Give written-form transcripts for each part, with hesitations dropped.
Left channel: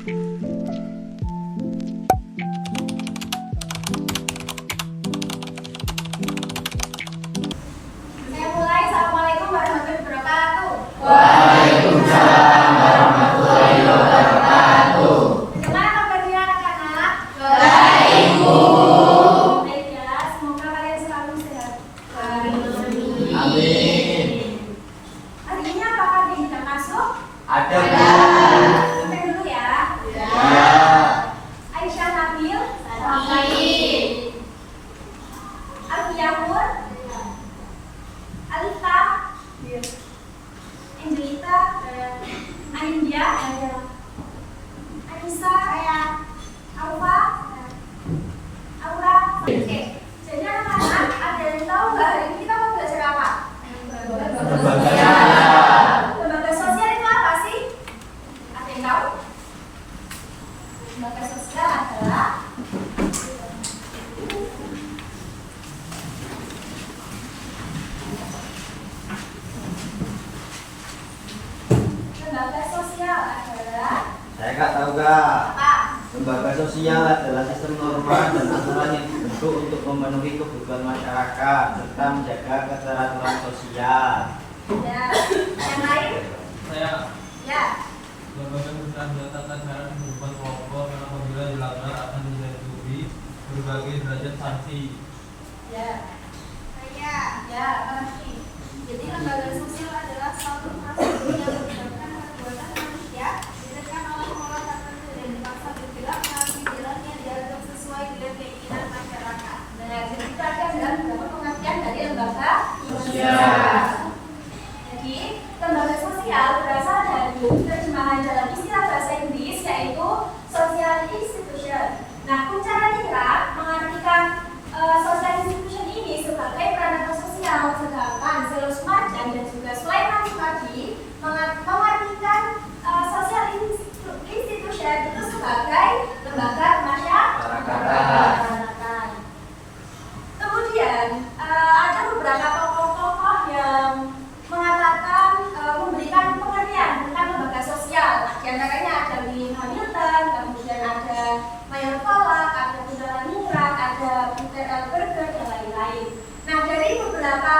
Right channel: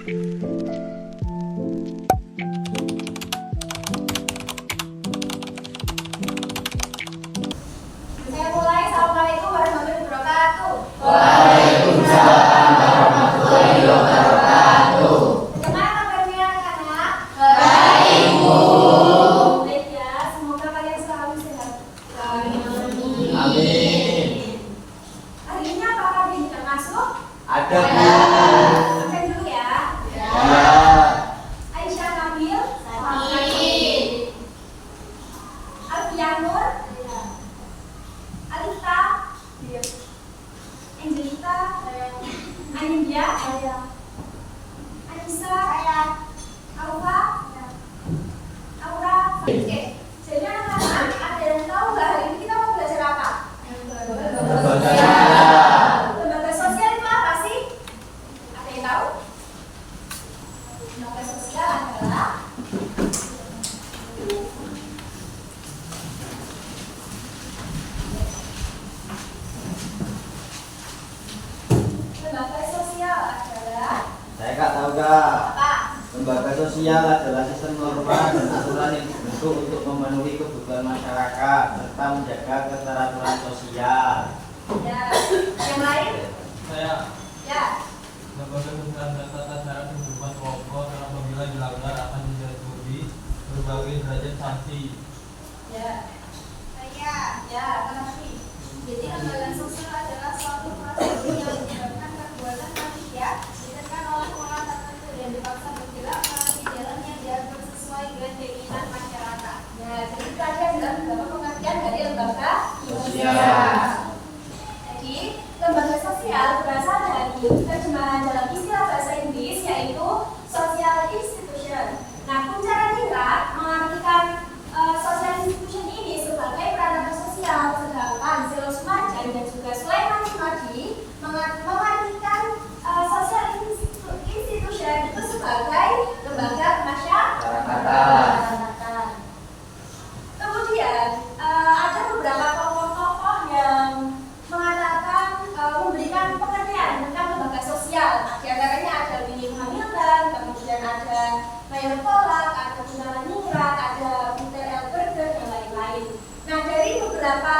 Saya mulai. Assalamualaikum warahmatullahi wabarakatuh. Waalaikumsalam warahmatullahi wabarakatuh. Bagaimana kabarnya anak-anak? Baik, Bu. Baik ya, semoga kalian selalu sehat. Amin. Hari ini apakah ada yang tidak masuk? Ada, Bu. Sampai dulu ya. Ya. Aisyah Nabil. Alfiah Nur. Alita. Angelita. Anindya. Anissa. Alfa. Aura. Oke. Jadi anak-anak, ada yang tahu nggak hari ini kita mau belajar apa? Lembaga sosial itu apa sih? Ada yang tahu? Lembaga sosial adalah Saya nggak tahu, Kak. apa? Lembaga sosial adalah sistem norma dan aturan yang dibentuk untuk memenuhi kebutuhan masyarakat serta menjaga keteraturan sosial. Ya. Yang lain? Saya Ya. lembaga sosial mencatatkan syarat kehidupan kelompok yang apabila dilanggar akan dijatuhi berbagai derajat sanksi. Ya. Saya. Ya, mengerti. Jadi lembaga sosial adalah suatu proses yang menyebabkan perbuatan manusia ditekan oleh pola tertentu dan dipaksa bergerak melalui jalan yang diatur sesuai dengan keinginan masyarakat. Nah, jadi itu ada dalam beberapa pengertian dari lembaga sosial. Jadi, lembaga sosial berasal dari terjemahan dalam istilah bahasa Inggris yaitu social institution. Nah, Kuncara Ningrat mengartikan social institution ini sebagai peradaban sosial, sedangkan Zelos Marjan dan juga Sulaiman Sumadi mengartikan social institution itu sebagai lembaga kemasyarakatan. Kemudian ada beberapa tokoh-tokoh yang mengatakan memberikan pengertian tentang lembaga sosial. Di antaranya ada William Hamilton, kemudian ada Mayor Pollack, ada Kuncara Ningrat, ada Peter L. Berger, dan lain-lain. Nah, dari beberapa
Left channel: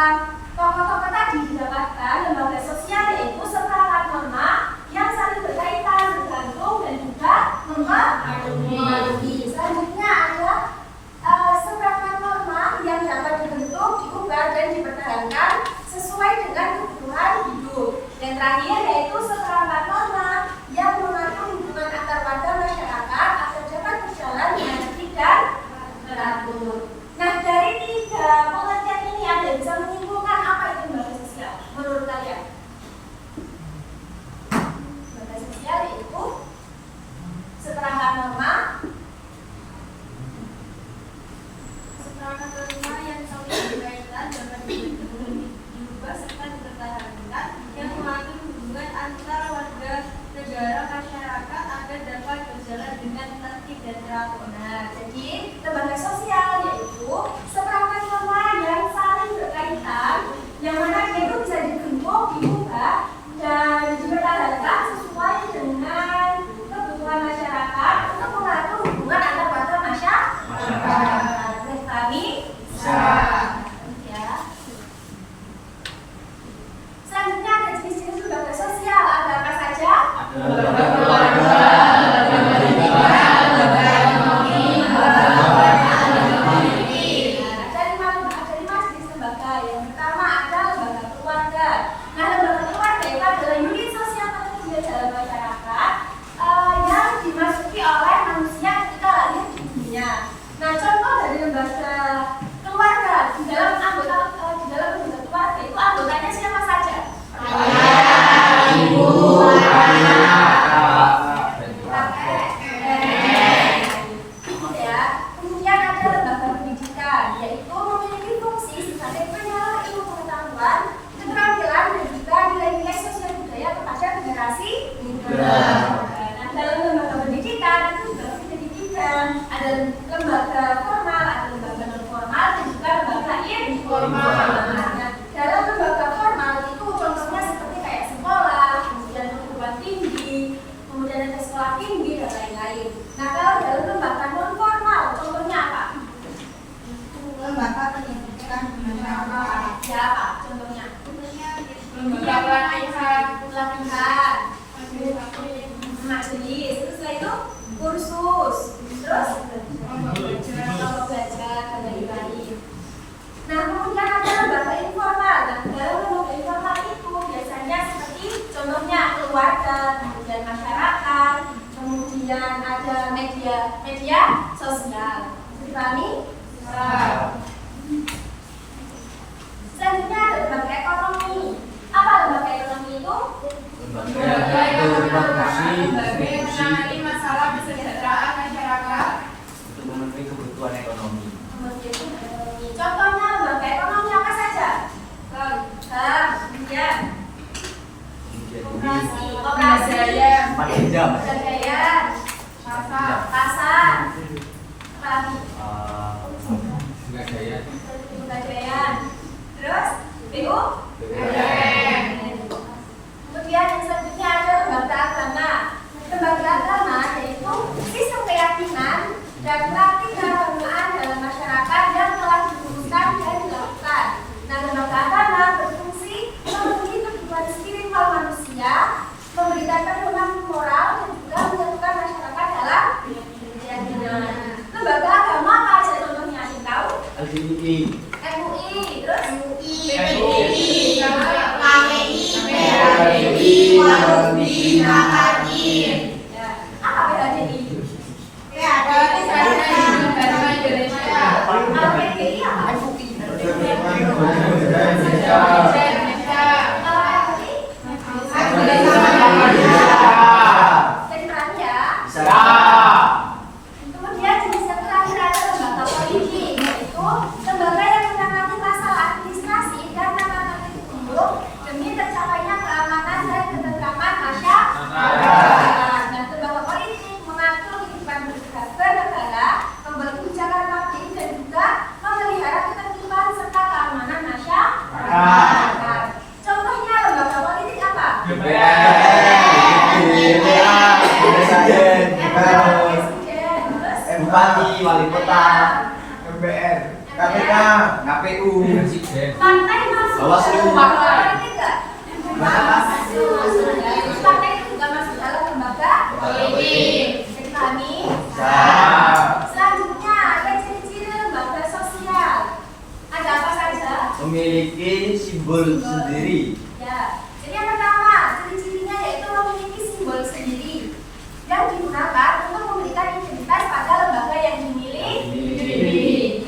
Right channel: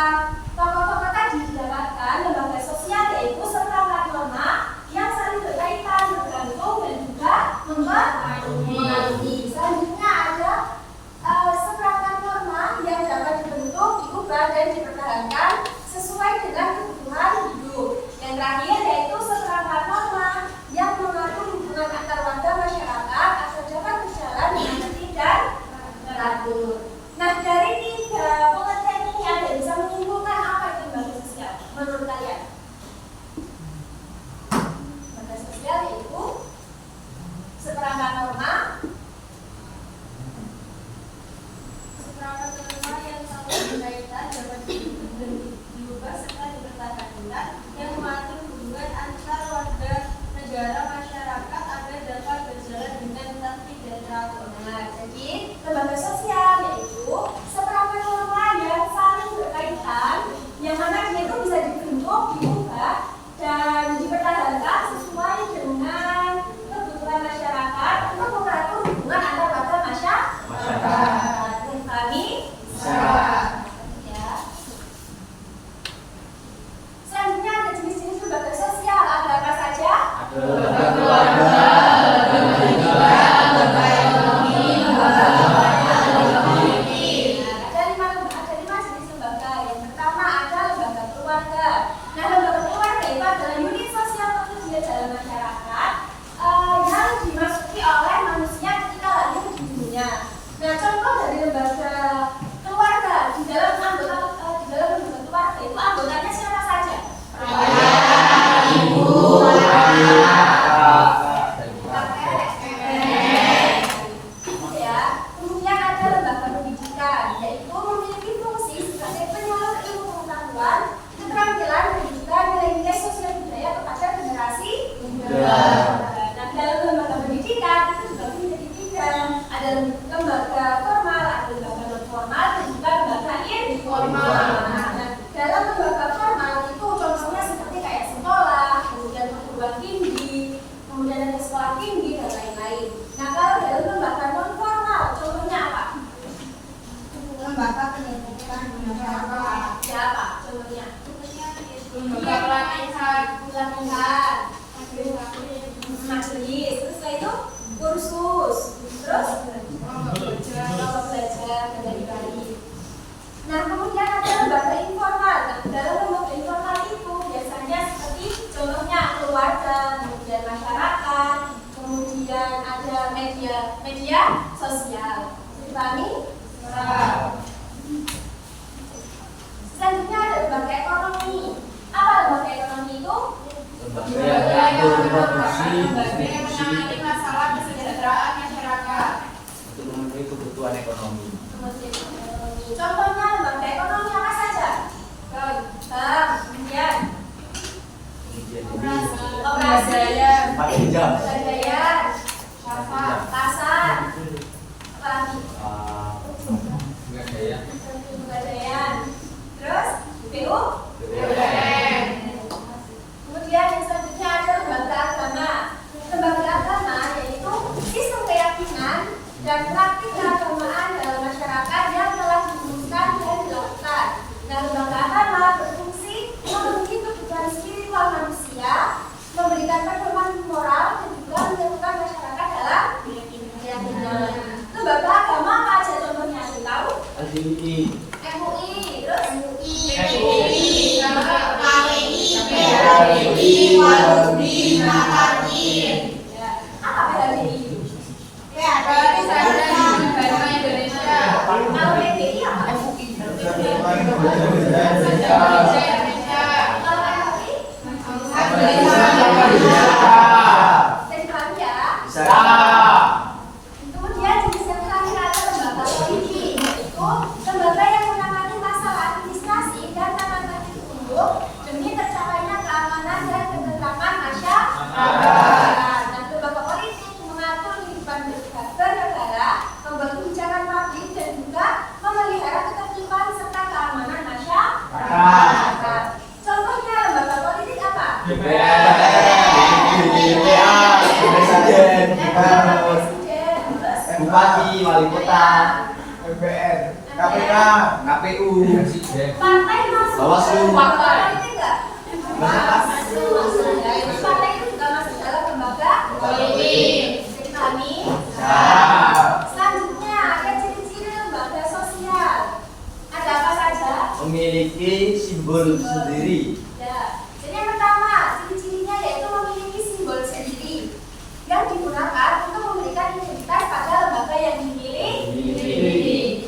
tokoh-tokoh tadi didapatkan lembaga sosial yaitu seperangkat norma yang saling berkaitan, bergantung, dan juga mengadili. Selanjutnya ada seperangkat norma yang dapat dibentuk, diubah, dan dipertahankan sesuai dengan kebutuhan hidup. Yang terakhir yaitu seperangkat norma yang mengatur hubungan antar warga masyarakat agar dapat berjalan dengan tertib dan teratur. Nah, dari tiga pengertian ini ada yang bisa menyimpulkan apa itu lembaga sosial menurut kalian? Lembaga sosial yaitu seperangkat norma yang saling berkaitan dapat dibentuk dan diubah serta dipertahankan yang mengatur hubungan antar warga negara masyarakat agar dapat berjalan dengan tertib dan teratur. Nah, jadi lembaga sosial yaitu seperangkat norma yang saling berkaitan yang mana dia itu bisa dibentuk, diubah, dan dipertahankan sesuai dengan kebutuhan masyarakat untuk mengatur hubungan antar warga masyarakat. Dan kami ya. Selanjutnya ada jenis-jenis lembaga sosial. Ada apa saja? Ada lembaga keluarga, lembaga pendidikan, lembaga ekonomi, lembaga politik. Ada lima jenis lembaga. Yang pertama ada lembaga keluarga. Nah, lembaga keluarga itu adalah unit sosial terkecil dalam masyarakat yang dimasuki oleh manusia ketika lahir di dunia. Nah, contoh dari lembaga keluarga di dalam lembaga keluarga itu anggotanya siapa saja? Ayah, ibu, anak, Kakek, ya. Kemudian ada lembaga pendidikan, yaitu memiliki fungsi sebagai penyalur ilmu pengetahuan, keterampilan, dan juga nilai-nilai sosial budaya kepada generasi muda. Nah, dalam lembaga pendidikan itu juga menjadi tiga, ada lembaga formal, ada lembaga non majelis. Terus setelah itu kursus. Terus kelompok belajar kembali. Nah, kemudian ada lembaga informal. Nah, dalam lembaga informal itu biasanya seperti contohnya keluarga, kemudian masyarakat, kemudian ada media sosial. Dipahami? Selanjutnya ada lembaga ekonomi. Apa lembaga ekonomi itu? Lembaga yang menangani masalah kesejahteraan masyarakat untuk memenuhi kebutuhan ekonomi. Contohnya lembaga ekonomi apa saja? Kemudian operasi, pegadaian, pasar, apa lagi? Pegadaian, terus BU. Kemudian yang selanjutnya ada lembaga agama. Lembaga agama yaitu sistem keyakinan dan praktik keagamaan dalam masyarakat yang telah dirumuskan dan dilakukan. Nah, lembaga agama berfungsi memenuhi kebutuhan spiritual manusia, memberikan pedoman moral dan juga menyatukan masyarakat dalam keyakinan. Lembaga agama apa aja contohnya? Ada tahu? LDI, MUI, terus apa PHDI? Kemudian jenis yang terakhir ada lembaga politik, yaitu lembaga yang menangani masalah administrasi dan tata tertib umum demi tercapainya keamanan dan ketentraman masyarakat. Dan lembaga politik mengatur kehidupan bernegara, membuat kebijakan publik dan juga memelihara ketertiban serta keamanan masyarakat. Contohnya lembaga politik apa? Bupati, wali kota, MPR, KPK, KPU, Partai masuk Bawaslu. politik nggak? Masuk. Partai itu juga masuk dalam lembaga politik. Jadi kami. Selanjutnya ada ciri-ciri lembaga sosial. Ada apa saja? memiliki simbol sendiri. Ya. Jadi yang pertama, ciri-cirinya yaitu memiliki simbol sendiri yang digunakan untuk memberikan identitas pada lembaga yang dimiliki.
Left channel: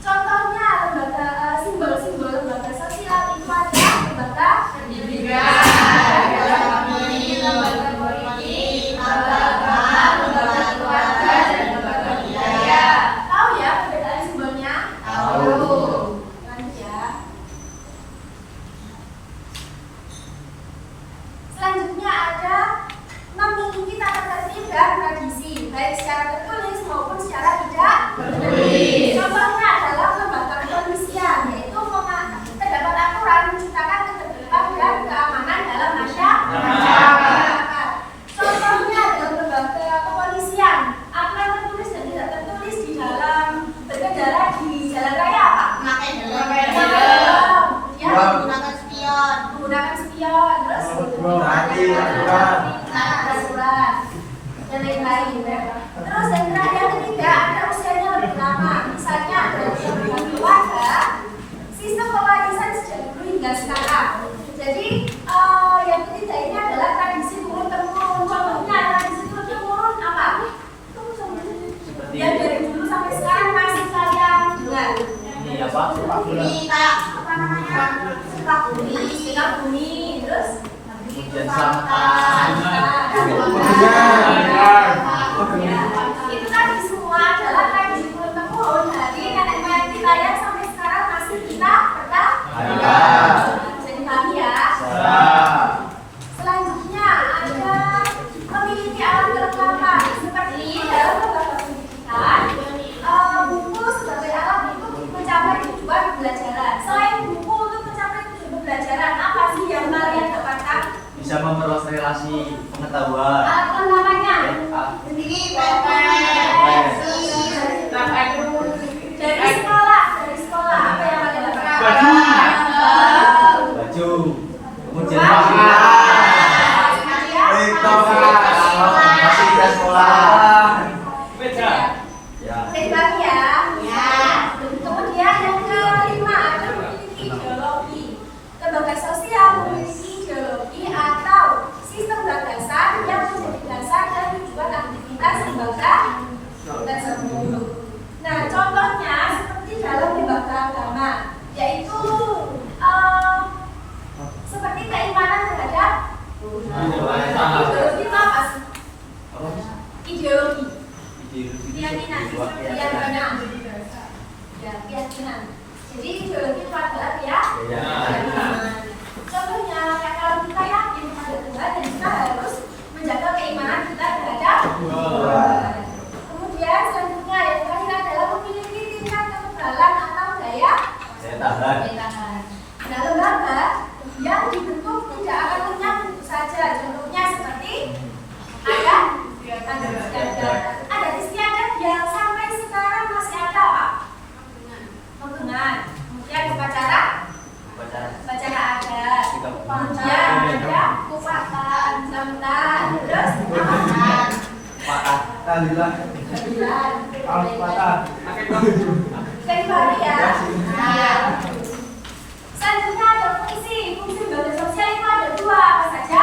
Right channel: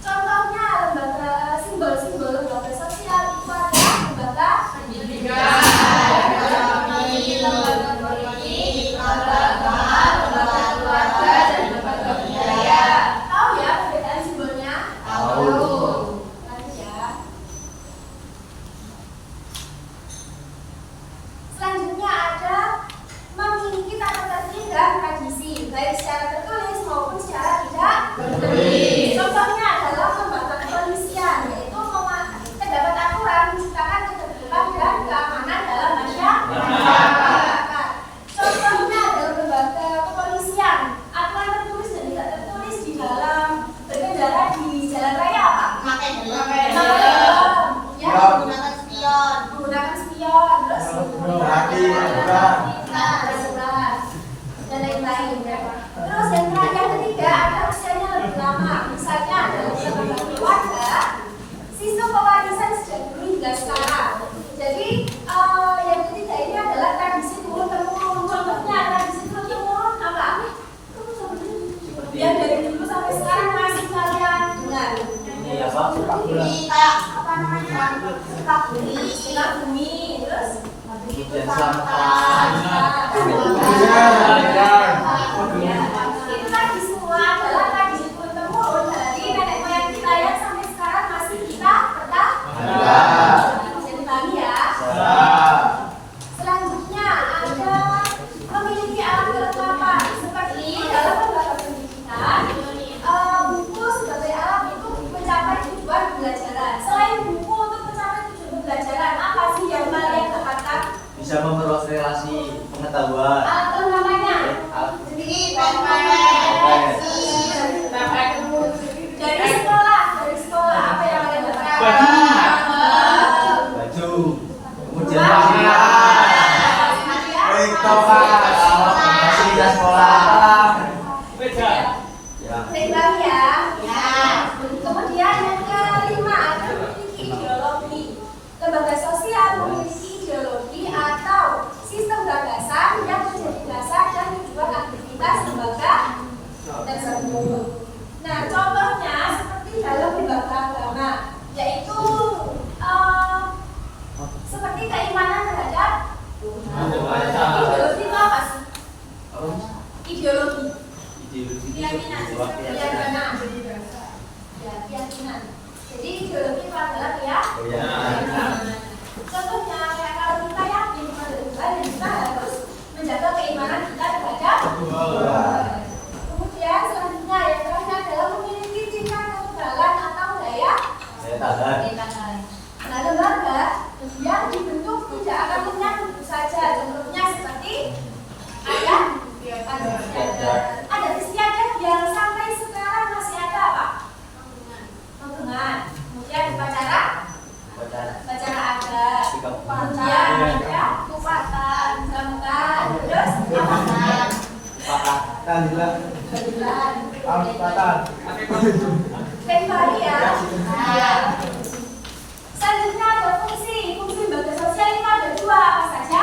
Contohnya lembaga simbol-simbol lembaga sosial itu ada lembaga pendidikan, lembaga politik, lembaga agama, lembaga keluarga, dan lembaga budaya. Tahu ya perbedaan simbolnya? Tahu. Lanjut ya. Selanjutnya ada memiliki tata tertib dan tradisi, baik secara tertulis maupun secara tidak tertulis. Contohnya adalah lembaga kepolisian, yaitu terdapat aturan menciptakan ketertiban dan keamanan dalam masyarakat. Contohnya dalam lembaga kepolisian, aturan tertulis dan tidak tertulis di dalam berkendara di jalan raya apa? Memakai Ya, menggunakan spion. menggunakan spion, terus aturan dan lain-lain. Terus yang ketiga ada usianya lebih lama. Misalnya ada lembaga keluarga, sistem pewarisan sejak dulu hingga sekarang. Jadi yang ketiga ini adalah tradisi turun temurun. Contohnya tradisi turun temurun apa? Yang dari dulu sampai sekarang masih kalian dengar. Ini apa? Sepak bola. Ini kayak apa namanya? Sepak bumi. Sepak bumi, terus Dan selamatan. itu tadi semua adalah tradisi turun temurun dari nenek moyang kita yang sampai sekarang masih kita pertahankan. Jadi paham ya. Selanjutnya ada memiliki alat kelengkapan seperti dalam lembaga pendidikan, buku sebagai alat untuk mencapai tujuan pembelajaran. Selain buku untuk mencapai tujuan pembelajaran, apa sih yang kalian dapatkan? Bisa memperluas relasi pengetahuan. Alat kelengkapannya Sendiri dari sekolah apa yang kalian dapatkan? Baju. Kemudian Rumah. makanan. Hadiah. Tiktokan. fasilitas sekolah. Meja. Ya. Baik lagi ya. Ya. Kemudian yang kelima ada memiliki ideologi. Lembaga sosial memiliki ideologi atau sistem gagasan yang menjadi dasar dan tujuan aktivitas lembaga tersebut. Nah, contohnya seperti dalam lembaga agama, yaitu seperti keimanan terhadap ideologi itu apa sih? Ideologi. Keyakinan. Ya, keyakinan. Jadi ideologi itu adalah keyakinan. Contohnya, ya, kalau kita yakin pada Tuhan, dan kita harus menjaga keimanan kita terhadap Tuhan. Kemudian selanjutnya yang terakhir adalah memiliki tingkat kekebalan atau daya tahan. Nah, lembaga yang dibentuk tidak akan lenyap begitu saja. Contohnya seperti adat istiadat yang sampai sekarang masih ada apa? Pegangan. Kemudian upacara adat. Kemudian ada upatan, sambutan, terus kembali ya. Selanjutnya ada fungsi lembaga sosial itu ada dua, apa saja?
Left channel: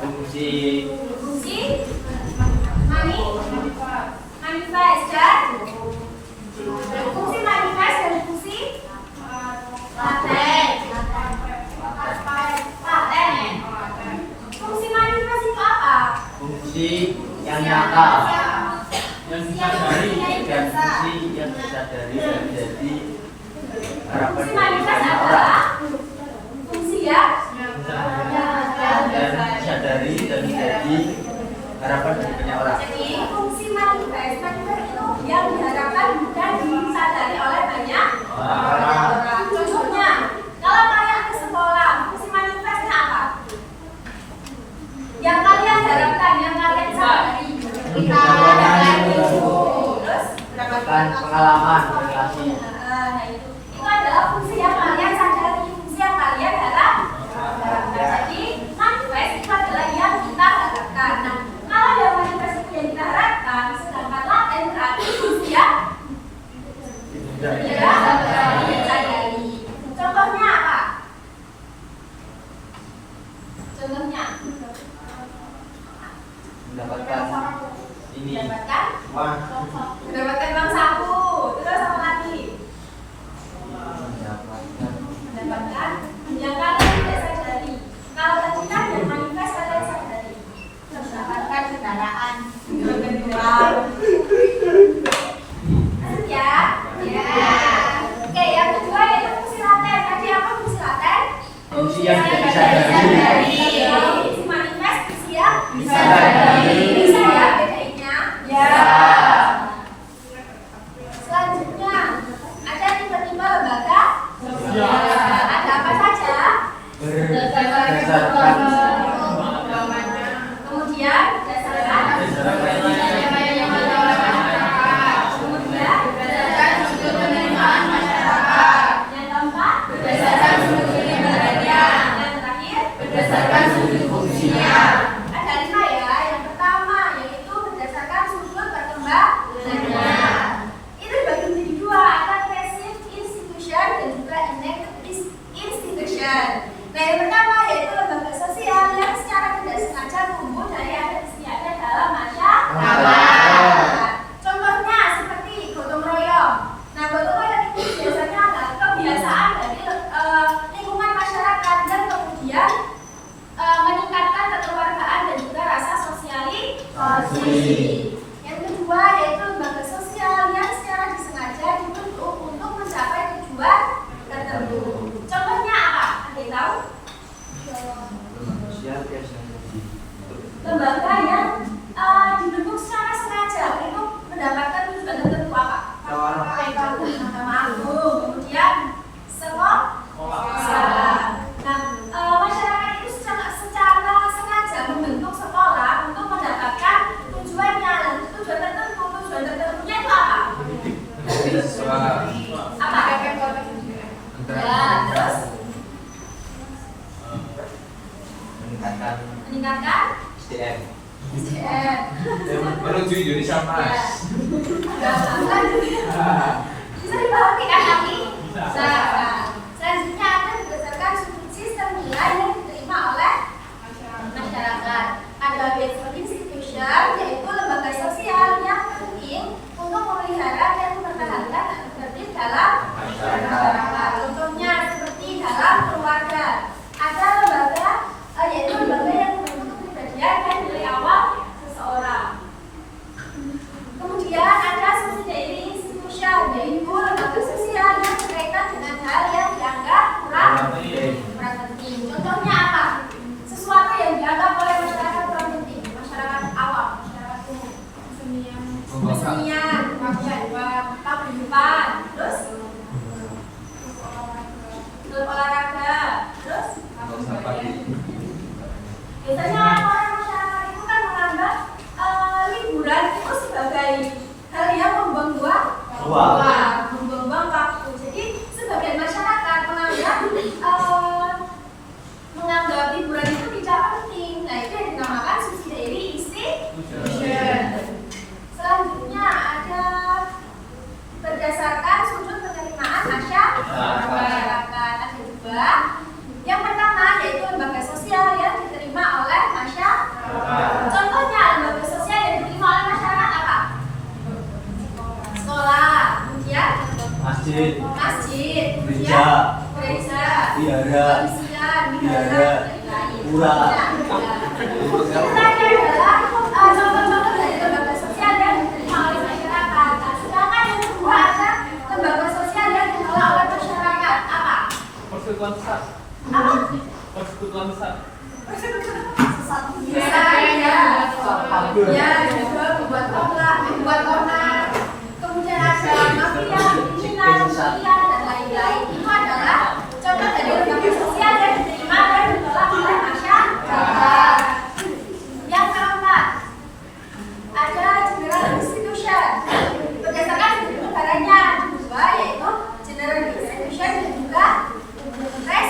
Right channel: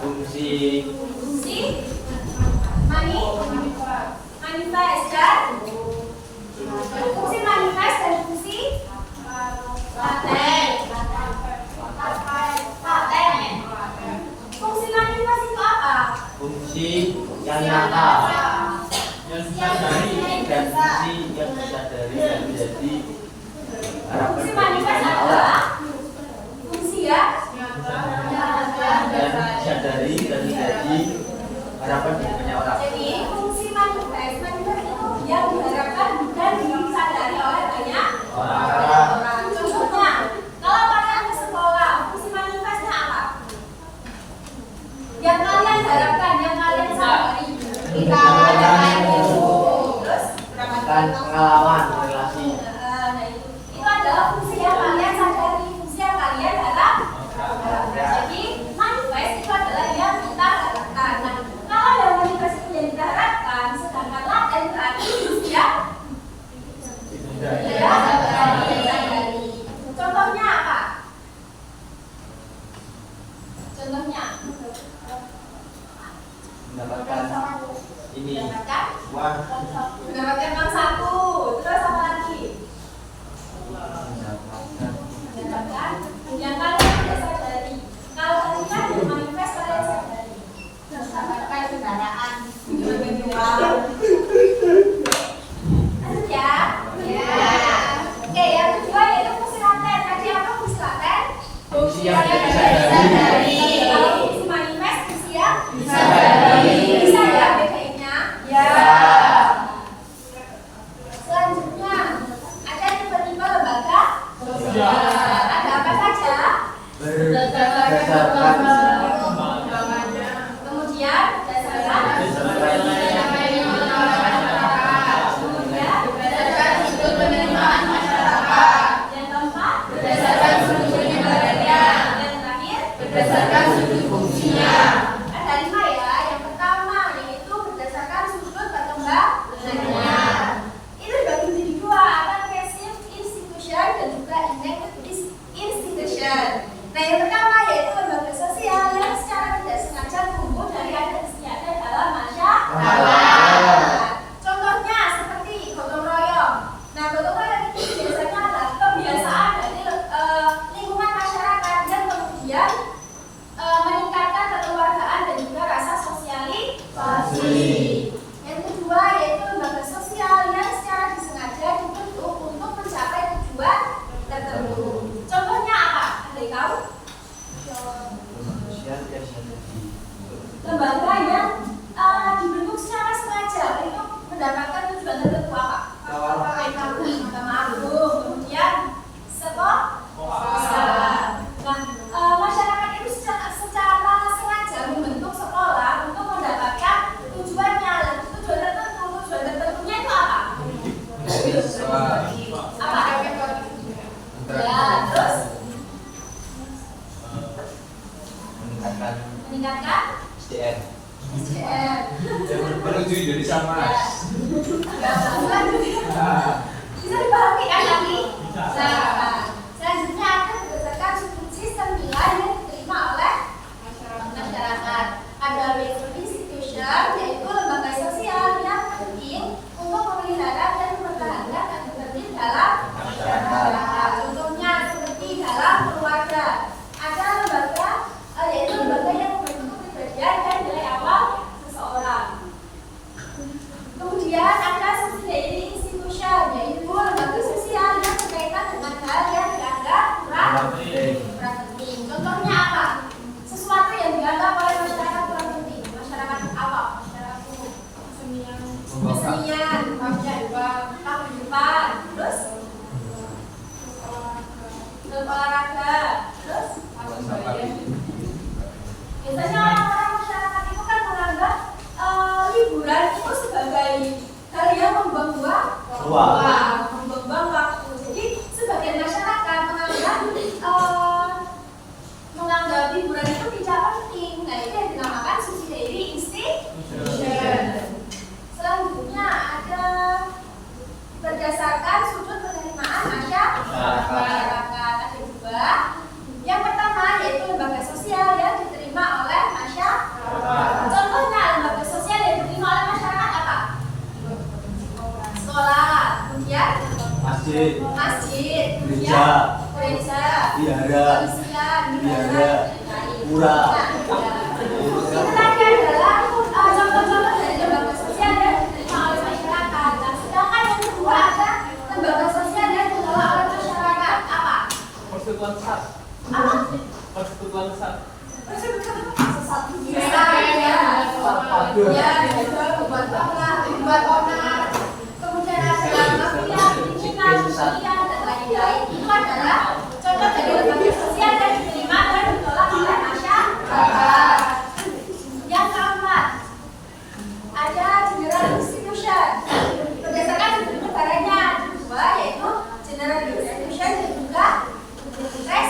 Fungsi manifest dan fungsi manifest dan fungsi laten. Fungsi manifest itu apa? Fungsi yang nyata Yang disadari. dan fungsi yang disadari dan menjadi harapan Fungsi dari manifest banyak orang. adalah fungsi ya Dan disadari dan menjadi harapan dari banyak orang. Jadi fungsi manifest itu yang diharapkan dan disadari oleh banyak orang. Contohnya, kalau kalian ke sekolah, fungsi manifestnya apa? Yang kalian harapkan, yang kalian sadari. Kita terus Dan pengalaman relasi. nah itu adalah fungsi yang kalian sadari, fungsi yang kalian harapkan. Jadi manifest itu adalah yang kita harapkan. Nah, kalau yang manifest itu yang kita harapkan, sedangkan laten berarti fungsi yang sadari. Contohnya apa? Contohnya Mendapatkan ini mendapatkan uang. mendapatkan uang saku. Terus apa lagi? Mendapatkan yang kalian tidak sadari. Kalau tadi kan yang manifest kalian sadari. Mendapatkan kendaraan. Lanjut ya. Oke, yang kedua yaitu fungsi laten. Tadi apa fungsi laten? Fungsi yang tidak disadari. Kalau fungsi manifest fungsi yang Disadari. Bisa ya bedainnya? Ya. Selanjutnya ada tipe-tipe lembaga. Ya. Ada apa saja? Berdasarkan Kemudian berdasarkan kemudian berdasarkan sudut penerimaan masyarakat. Yang keempat berdasarkan sudut penerimaan. Yang terakhir berdasarkan sudut fungsinya. Ada 5 ya. Yang pertama yaitu berdasarkan sudut perkembangannya. Itu dibagi menjadi 2, ada passive institution dan juga inactive institution. Nah, yang pertama yaitu lembaga sosial yang secara tidak sengaja tumbuh dari adat istiadat dalam masyarakat. Contohnya seperti gotong royong. Nah, gotong royong itu biasanya adalah kebiasaan dari lingkungan masyarakat dan kemudian meningkatkan kekeluargaan dan juga rasa sosialisasi. Yang kedua yaitu lembaga sosial yang secara disengaja dibentuk untuk mencapai tujuan tertentu. Contohnya apa? Ada yang tahu? sosial biasanya Lembaga yang dibentuk secara sengaja untuk mendapatkan tujuan tertentu apa? Mahkamah Agung, kemudian sekolah. Nah, masyarakat itu secara sengaja membentuk sekolah untuk mendapatkan tujuannya. Lalu Menuju Indonesia Mas. Bisa dipahami kan tapi? Bisa. Nah, selanjutnya akan berdasarkan sistem nilai yang diterima oleh masyarakat. Ada basic institution, yaitu lembaga sosial yang penting untuk memelihara dan mempertahankan tata tertib dalam masyarakat. Contohnya seperti dalam keluarga. Ada lembaga, yaitu lembaga yang membentuk kepribadian dan nilai awal seseorang. Kemudian ada subsidiary institution, yaitu lembaga sosial yang berkaitan dengan hal yang dianggap kurang penting. Contohnya apa? Sesuatu yang dianggap oleh masyarakat kurang penting, masyarakat awam, masyarakat umum, kesenian, paguyuban, terus olahraga, terus biasanya orang-orang masyarakat itu kan menganggap liburan itu sebagai hal yang membuang-buang waktu. Jadi sebagian masyarakat menganggap liburan itu tidak penting. Nah, itu yang dinamakan subsidiary institution. Selanjutnya ada berdasarkan sudut penerimaan masyarakat. Ada juga yang pertama yaitu lembaga sosial yang diterima oleh masyarakat. Contohnya lembaga sosial yang diterima oleh masyarakat apa? Sekolah, kemudian Masjid, gereja, wihara, pura. Itu tadi adalah contoh-contoh dari lembaga sosial yang diterima oleh masyarakat. Nah, sedangkan yang kedua ada lembaga sosial yang dikelola oleh masyarakat. Apa? Persekutuan besar. Apa? Persekutuan besar. Buat onar. Kemudian ada mafia, kriminal, dan lain-lain. Itu adalah contoh dari lembaga sosial yang diterima dan dikelola oleh masyarakat. Yang keempat, ada general institution. Berdasarkan bentuk negaranya ada dua, yaitu general institution dan juga institution.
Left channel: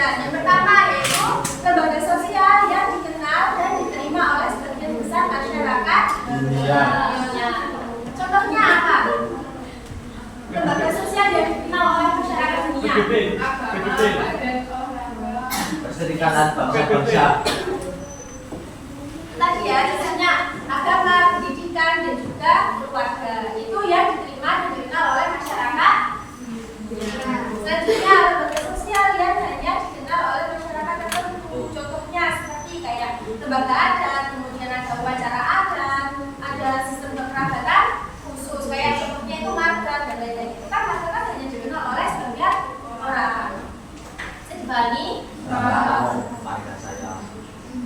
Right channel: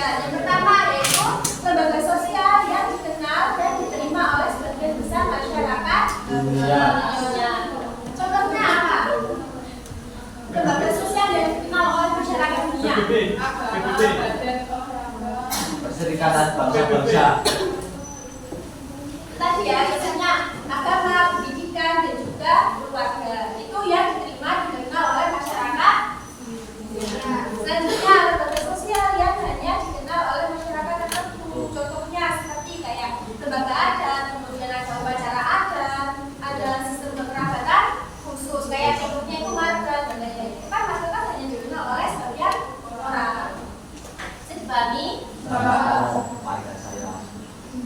Yang pertama yaitu lembaga sosial yang dikenal dan diterima oleh sebagian besar masyarakat dunia. Contohnya apa? Lembaga sosial yang dikenal oleh masyarakat dunia. Perserikatan Bangsa-Bangsa. Tadi ya, misalnya agama, pendidikan, dan juga keluarga. Itu yang diterima dan dikenal oleh masyarakat. Selanjutnya, lembaga sosial yang hanya dikenal oleh masyarakat tertentu. Contohnya seperti kayak lembaga adat, kemudian ada upacara adat, ada sistem kekerabatan khusus. Kayak contohnya itu marga dan lain-lain. Itu kan masyarakat hanya dikenal oleh sebagian orang. Sedibani.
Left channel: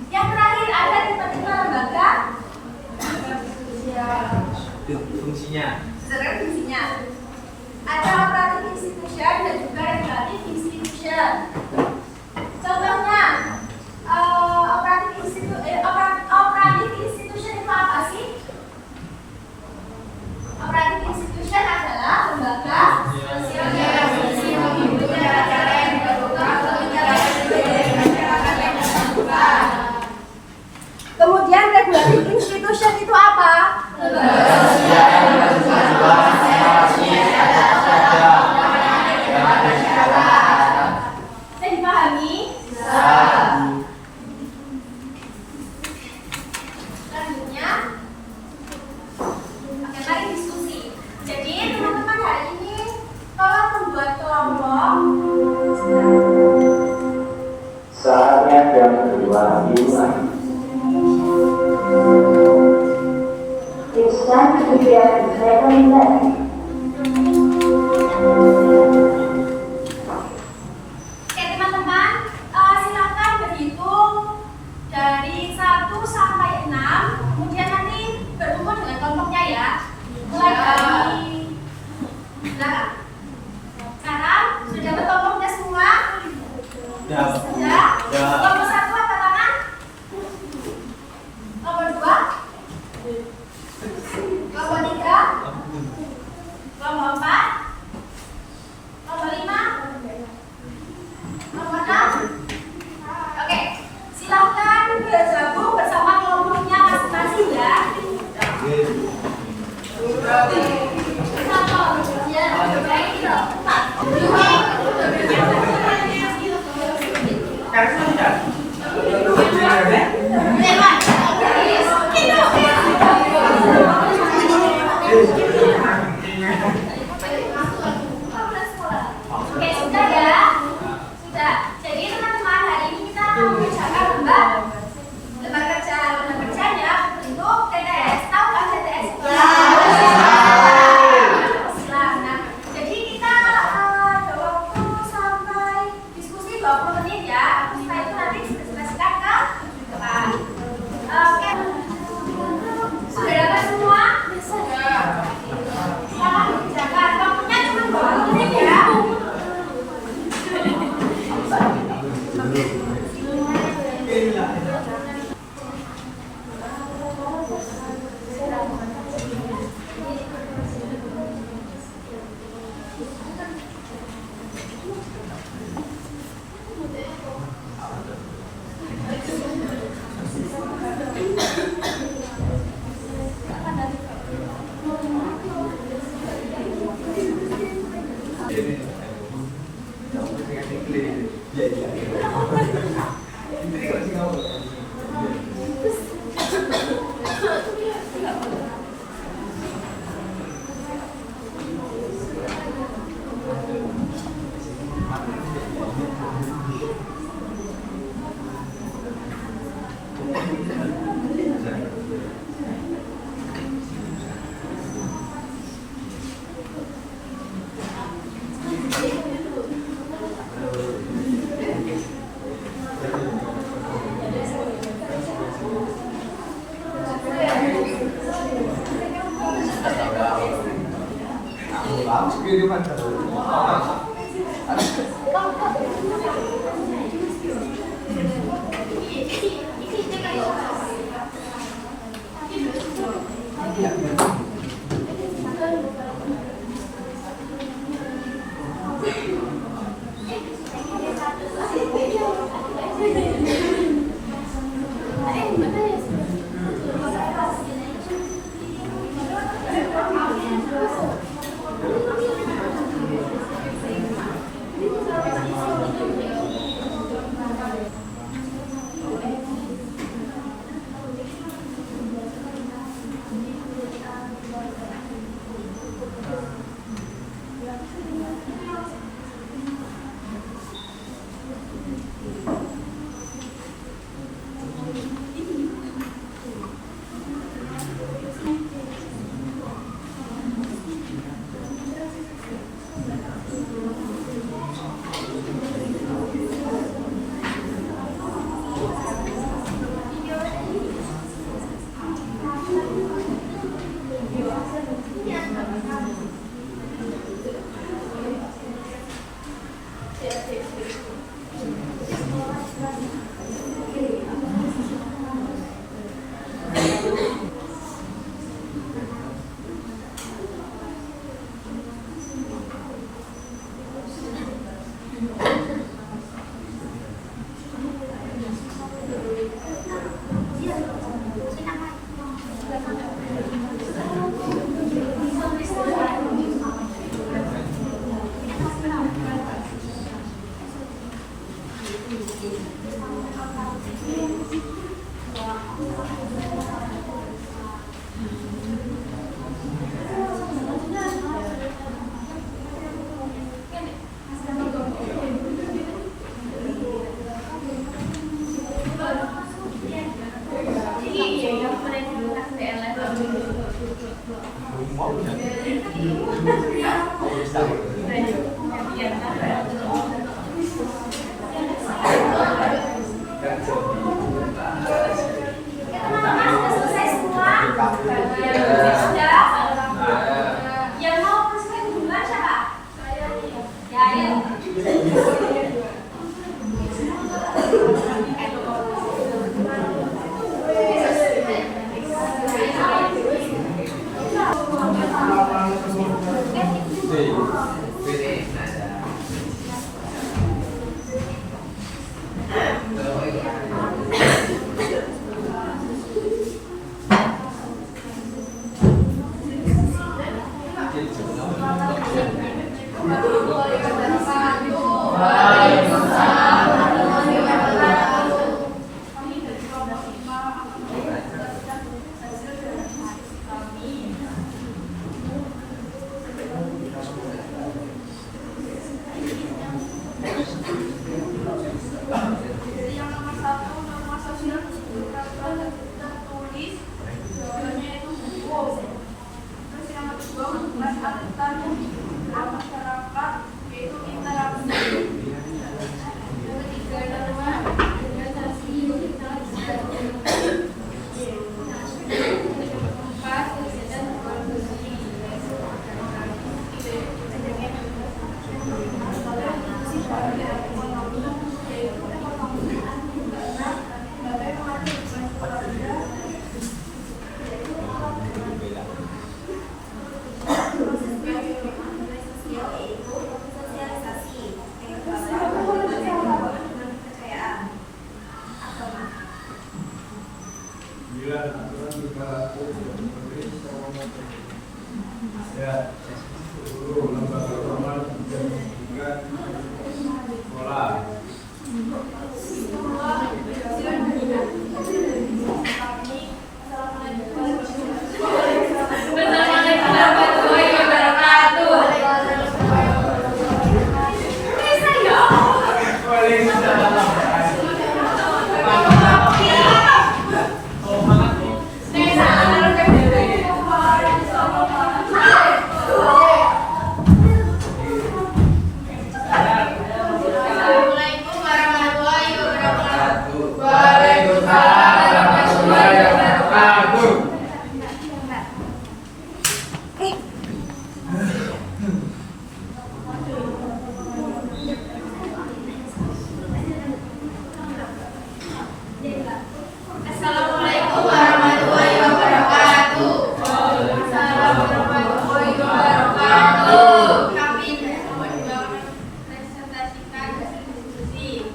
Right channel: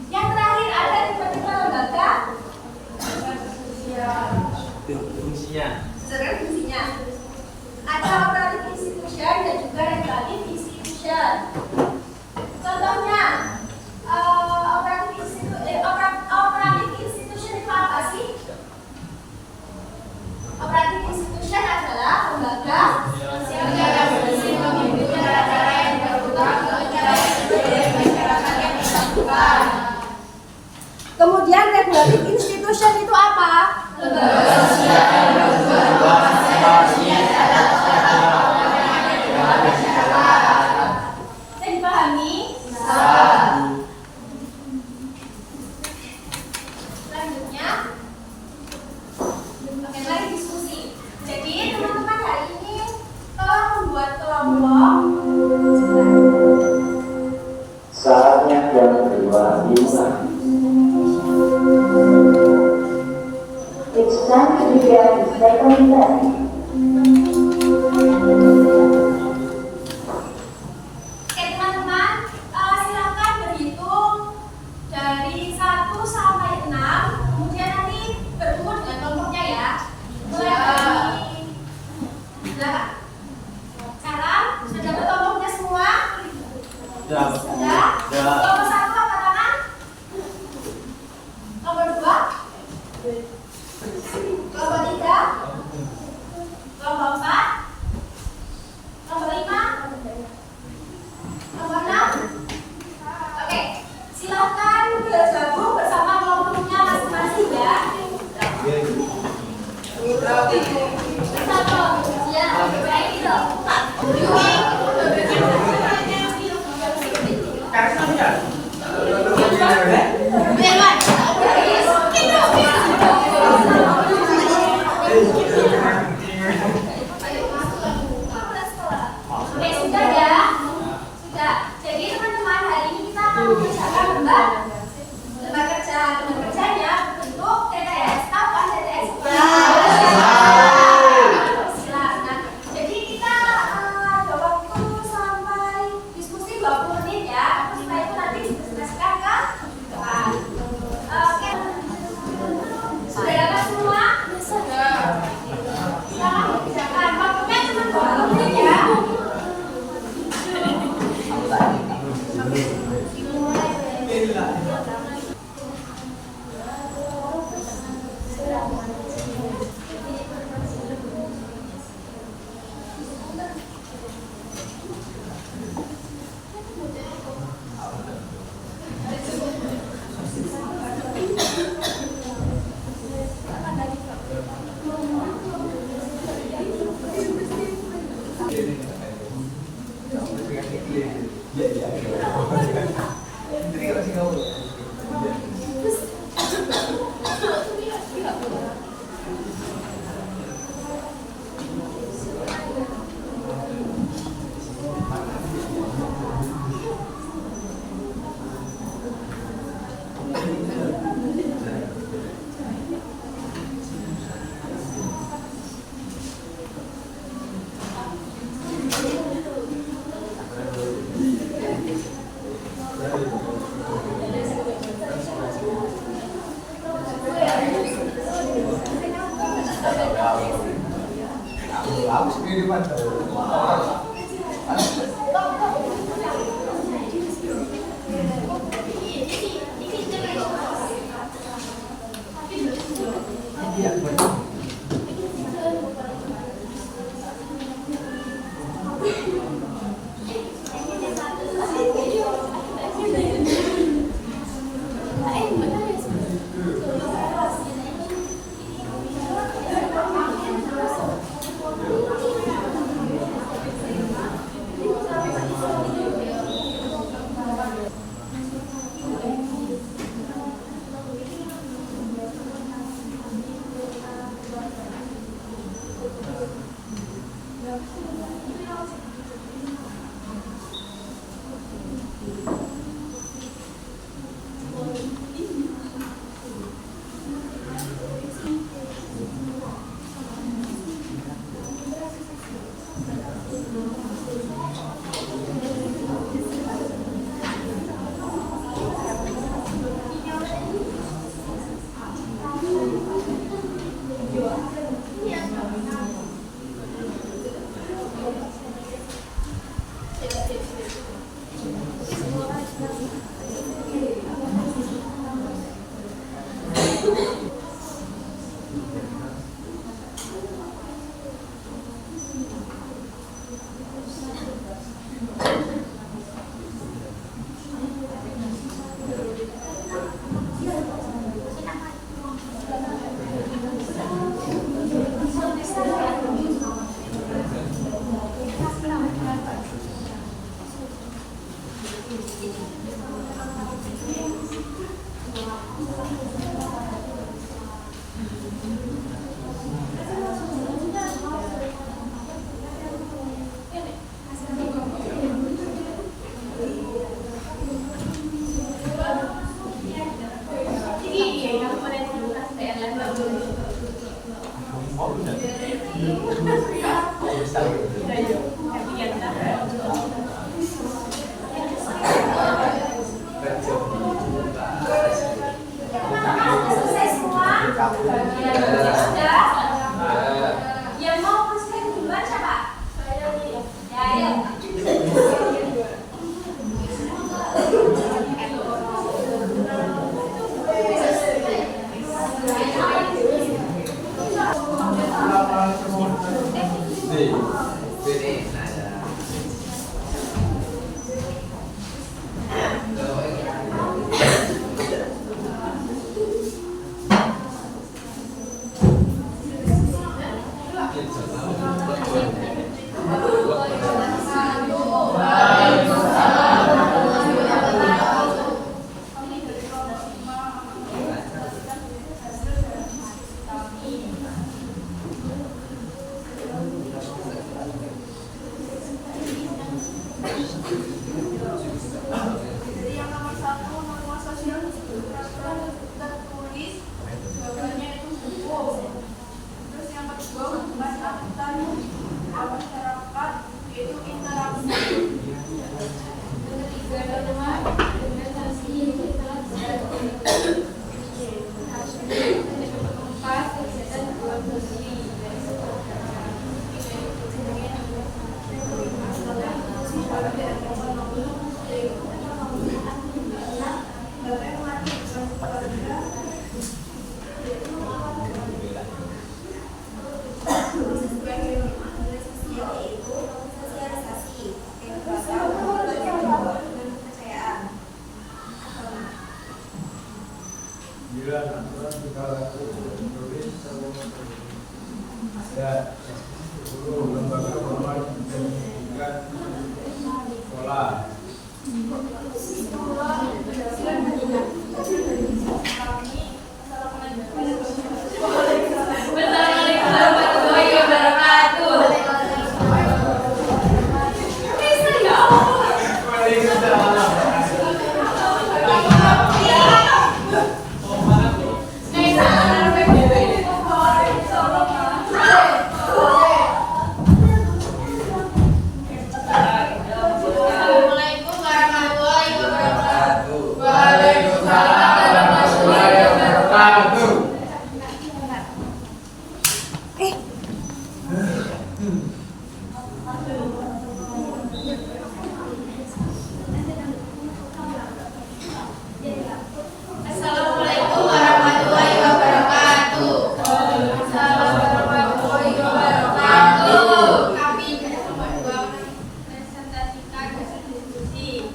Yang terakhir ada tipe-tipe lembaga Fungsinya. sederhana fungsinya. Ada operatif institution dan juga regulatif institution. Contohnya operatif institution itu apa sih? Operatif institution adalah lembaga yang berfungsi mengikuti cara-cara yang berubah masyarakat yang bersangkutan. Kemudian regulatif institution itu apa? Lembaga sosial yang bertujuan mengawasi saya dipahami? Selanjutnya, oke, mari diskusi. Jadi teman-teman hari ini tolong membuat kelompok. Saatnya jam kedua dimulai. It's time to get the second lesson. Oke teman-teman, silakan berhitung dari 1 sampai 6, kemudian nanti berkumpul dengan kelompoknya ya. Mulai dari belakang. Sekarang sudah dapat kelompoknya semua? Sudah? Kelompok 1 angkat tangan. Kelompok 2. Kelompok 3. mengerjakan lembar kerjanya bentuk TTS. Tahu kan TTS? Nah, jadi kita ada waktu sampai diskusi 20 menit ya. Setelah itu nanti dipresentasikan ke depan. Oke. Sudah dapat semua? Silakan dikerjakan. Waktunya cuma 20 menit ya. Yang mau presentasi duluan siapa? Ya, ayo. Jadi aturan berlaku tertulis ada 10 lembaga formal dan pendidikan sekolah. Assalamualaikum warahmatullahi wabarakatuh. Kami berdua presentasikan hasil diskusi.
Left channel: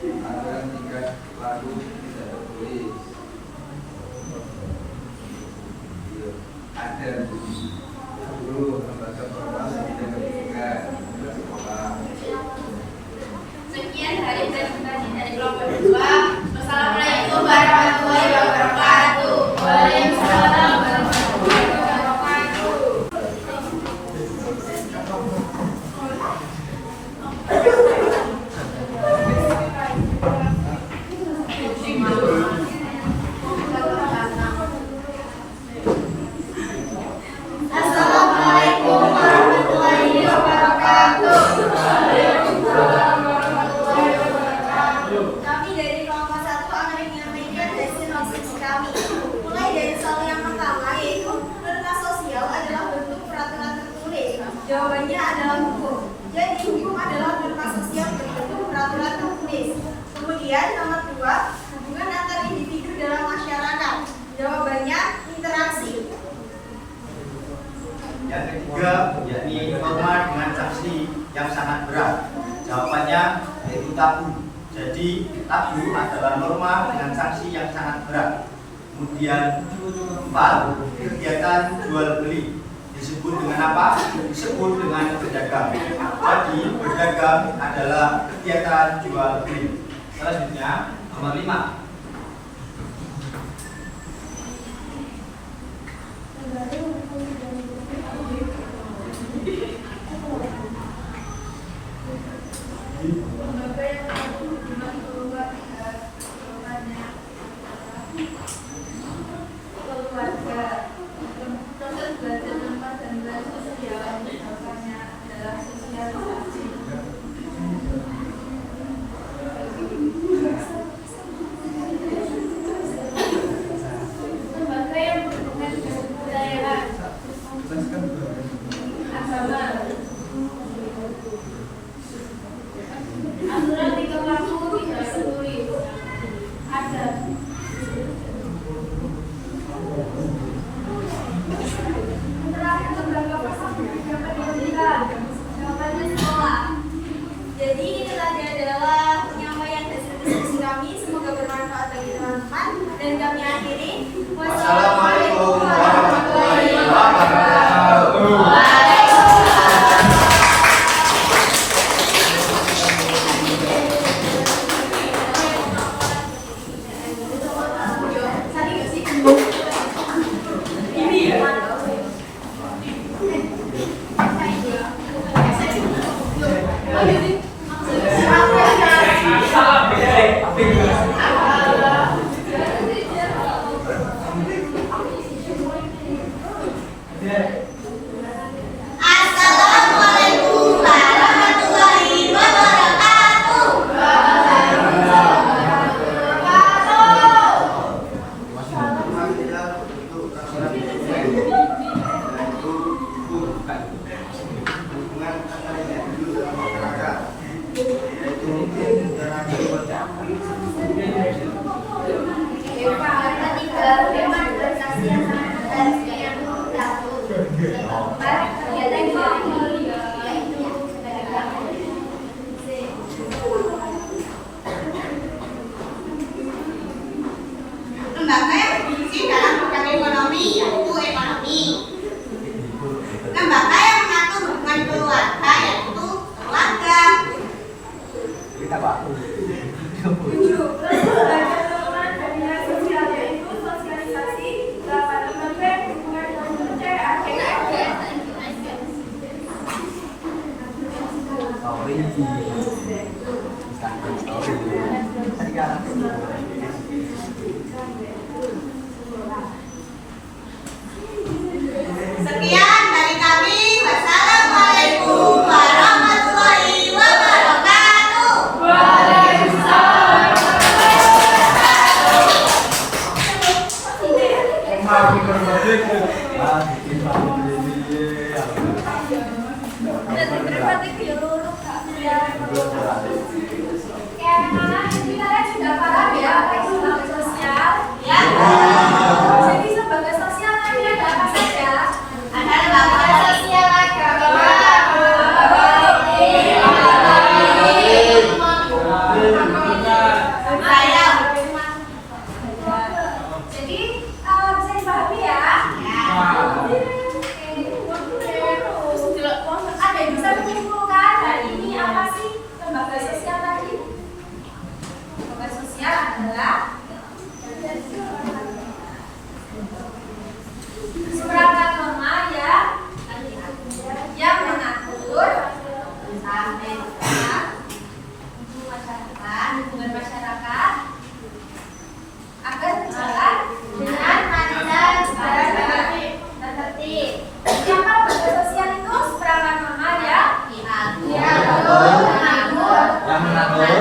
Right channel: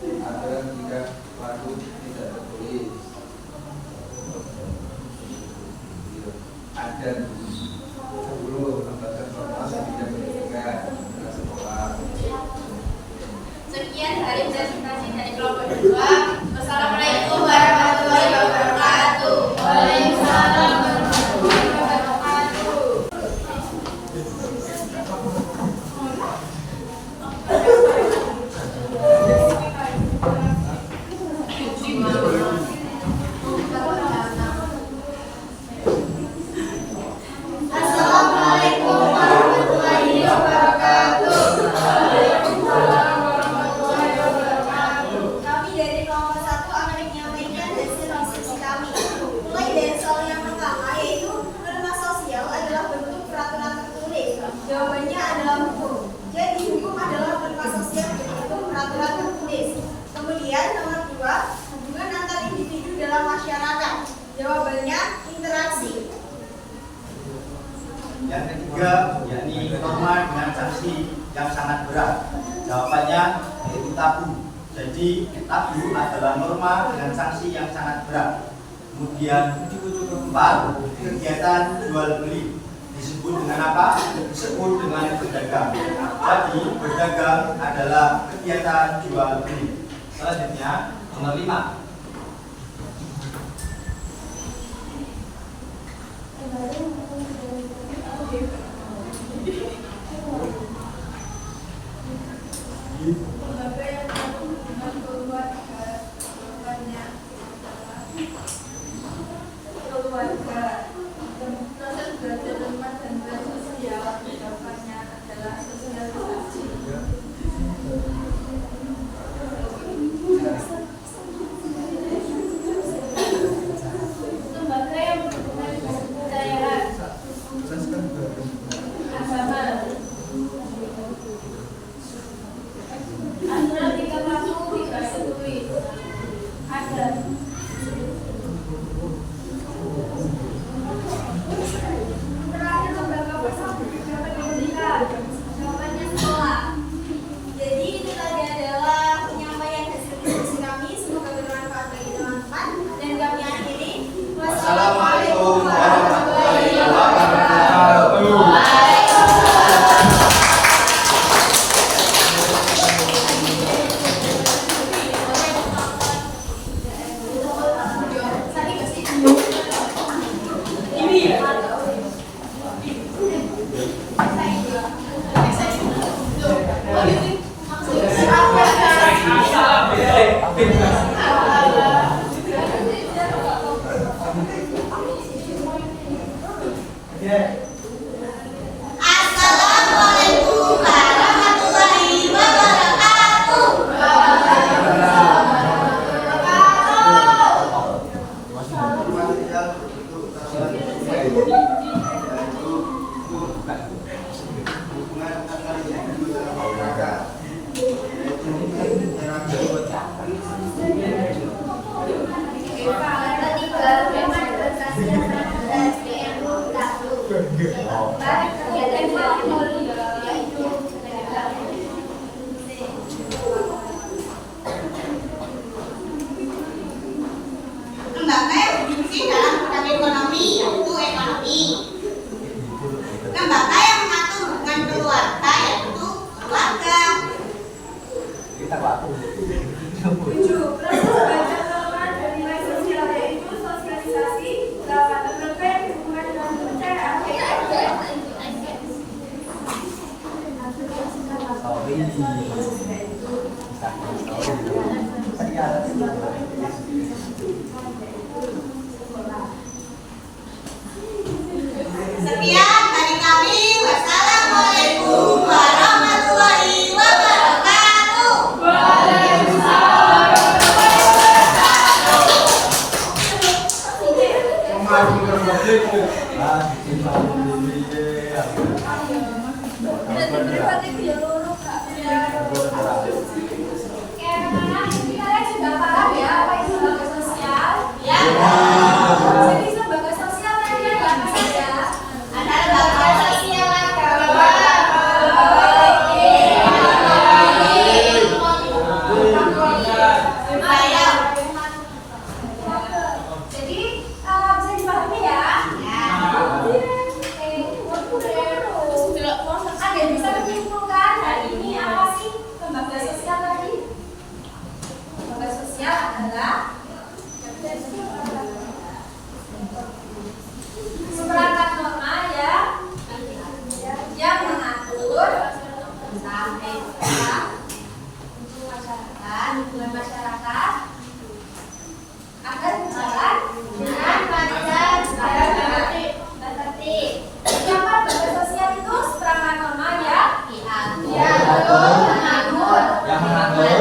Aturan tingkat laku tidak tertulis. Ada 10 lembaga formal dan pendidikan sekolah. Sekian dari presentasi dari kelompok 2. Wassalamualaikum warahmatullahi wabarakatuh. Waalaikumsalam warahmatullahi wabarakatuh. Assalamualaikum warahmatullahi wabarakatuh. Kami dari kelompok 1 akan menyampaikan hasil diskusi kami. Mulai dari soal yang pertama, yaitu norma sosial adalah bentuk peraturan tertulis. Jawabannya adalah hukum. Jadi hukum adalah norma sosial berbentuk peraturan tertulis. Kemudian nomor 2, hubungan antar individu dalam masyarakat. Jawabannya interaksi. Yang ketiga, yakni norma dengan sanksi yang sangat berat. Jawabannya yaitu tabu. Jadi tabu adalah norma dengan sanksi yang sangat berat. Kemudian 4, kegiatan jual beli disebut dengan apa? Disebut dengan berdagang. Jadi berdagang adalah kegiatan jual beli. Selanjutnya nomor 5. Lembaga yang mampu membantu keluarga, jawabannya adalah keluarga. Proses belajar rumah dan sosial, jawabannya adalah sosialisasi. Lembaga yang berhubungan dengan kebudayaan, agama. Aturan tingkat laku tidak tertulis. Ada. Terakhir lembaga persatuan pendidikan. Jawabannya sekolah. Jadi itu tadi adalah penyampaian hasil diskusi kami. Semoga bermanfaat bagi teman-teman. Dan kami akhiri. Wassalamualaikum warahmatullahi wabarakatuh. Assalamualaikum warahmatullahi wabarakatuh. Ketiga, tema organisasi yang sangat berarti yang satu. Keempat, kegiatan yang mulia yaitu Lembaga yang berfungsi dalam bidang ekonomi yaitu ekonomi. Lembaga yang mengatur hubungan keluarga yaitu keluarga. Kita waktu. tujuh. Proses belajar norma dan nilai sosial yaitu sosialisasi. 8. Membentuk hubungan dengan kepercayaan. Story. Sekian dari kami. Wassalamualaikum warahmatullahi wabarakatuh. Kalian sudah paham ya apa itu lembaga sosial? Ya. Jadi lembaga sosial tadi ada apa saja? Ada lembaga sosial agama. Jadi bisa dipahami ya? Ada yang bisa menyimpulkan hari ini apa sih lembaga sosial tadi? Lembaga sosial adalah seperangkat norma ya yang mengatur tentang etika, hubungan masyarakat agar berjalan dengan lancar dan tertib. Siapa lembaga sosial itu? Seperangkat norma ya yang mengatur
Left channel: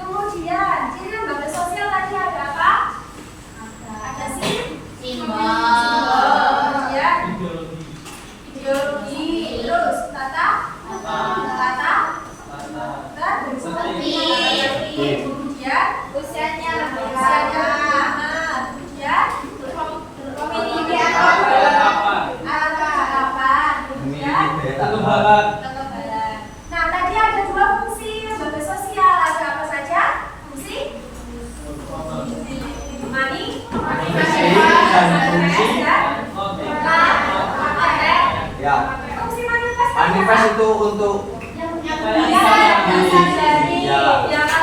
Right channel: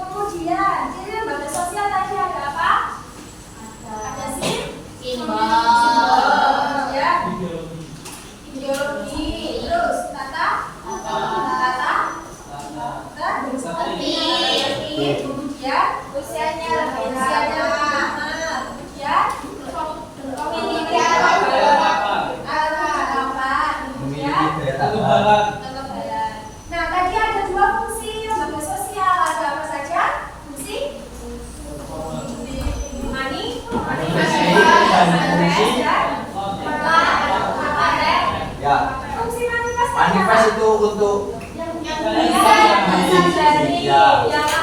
kemudian ciri lembaga sosial tadi ada apa? Ada simbol ya, ideologi, terus tata tertib, kemudian usianya lebih lama, kemudian memiliki alat kelengkapan, kemudian kekebalan. Nah, tadi ada dua fungsi lembaga sosial. Ada apa saja? Fungsi Ya. Fungsi manifest. Manifest itu untuk Yang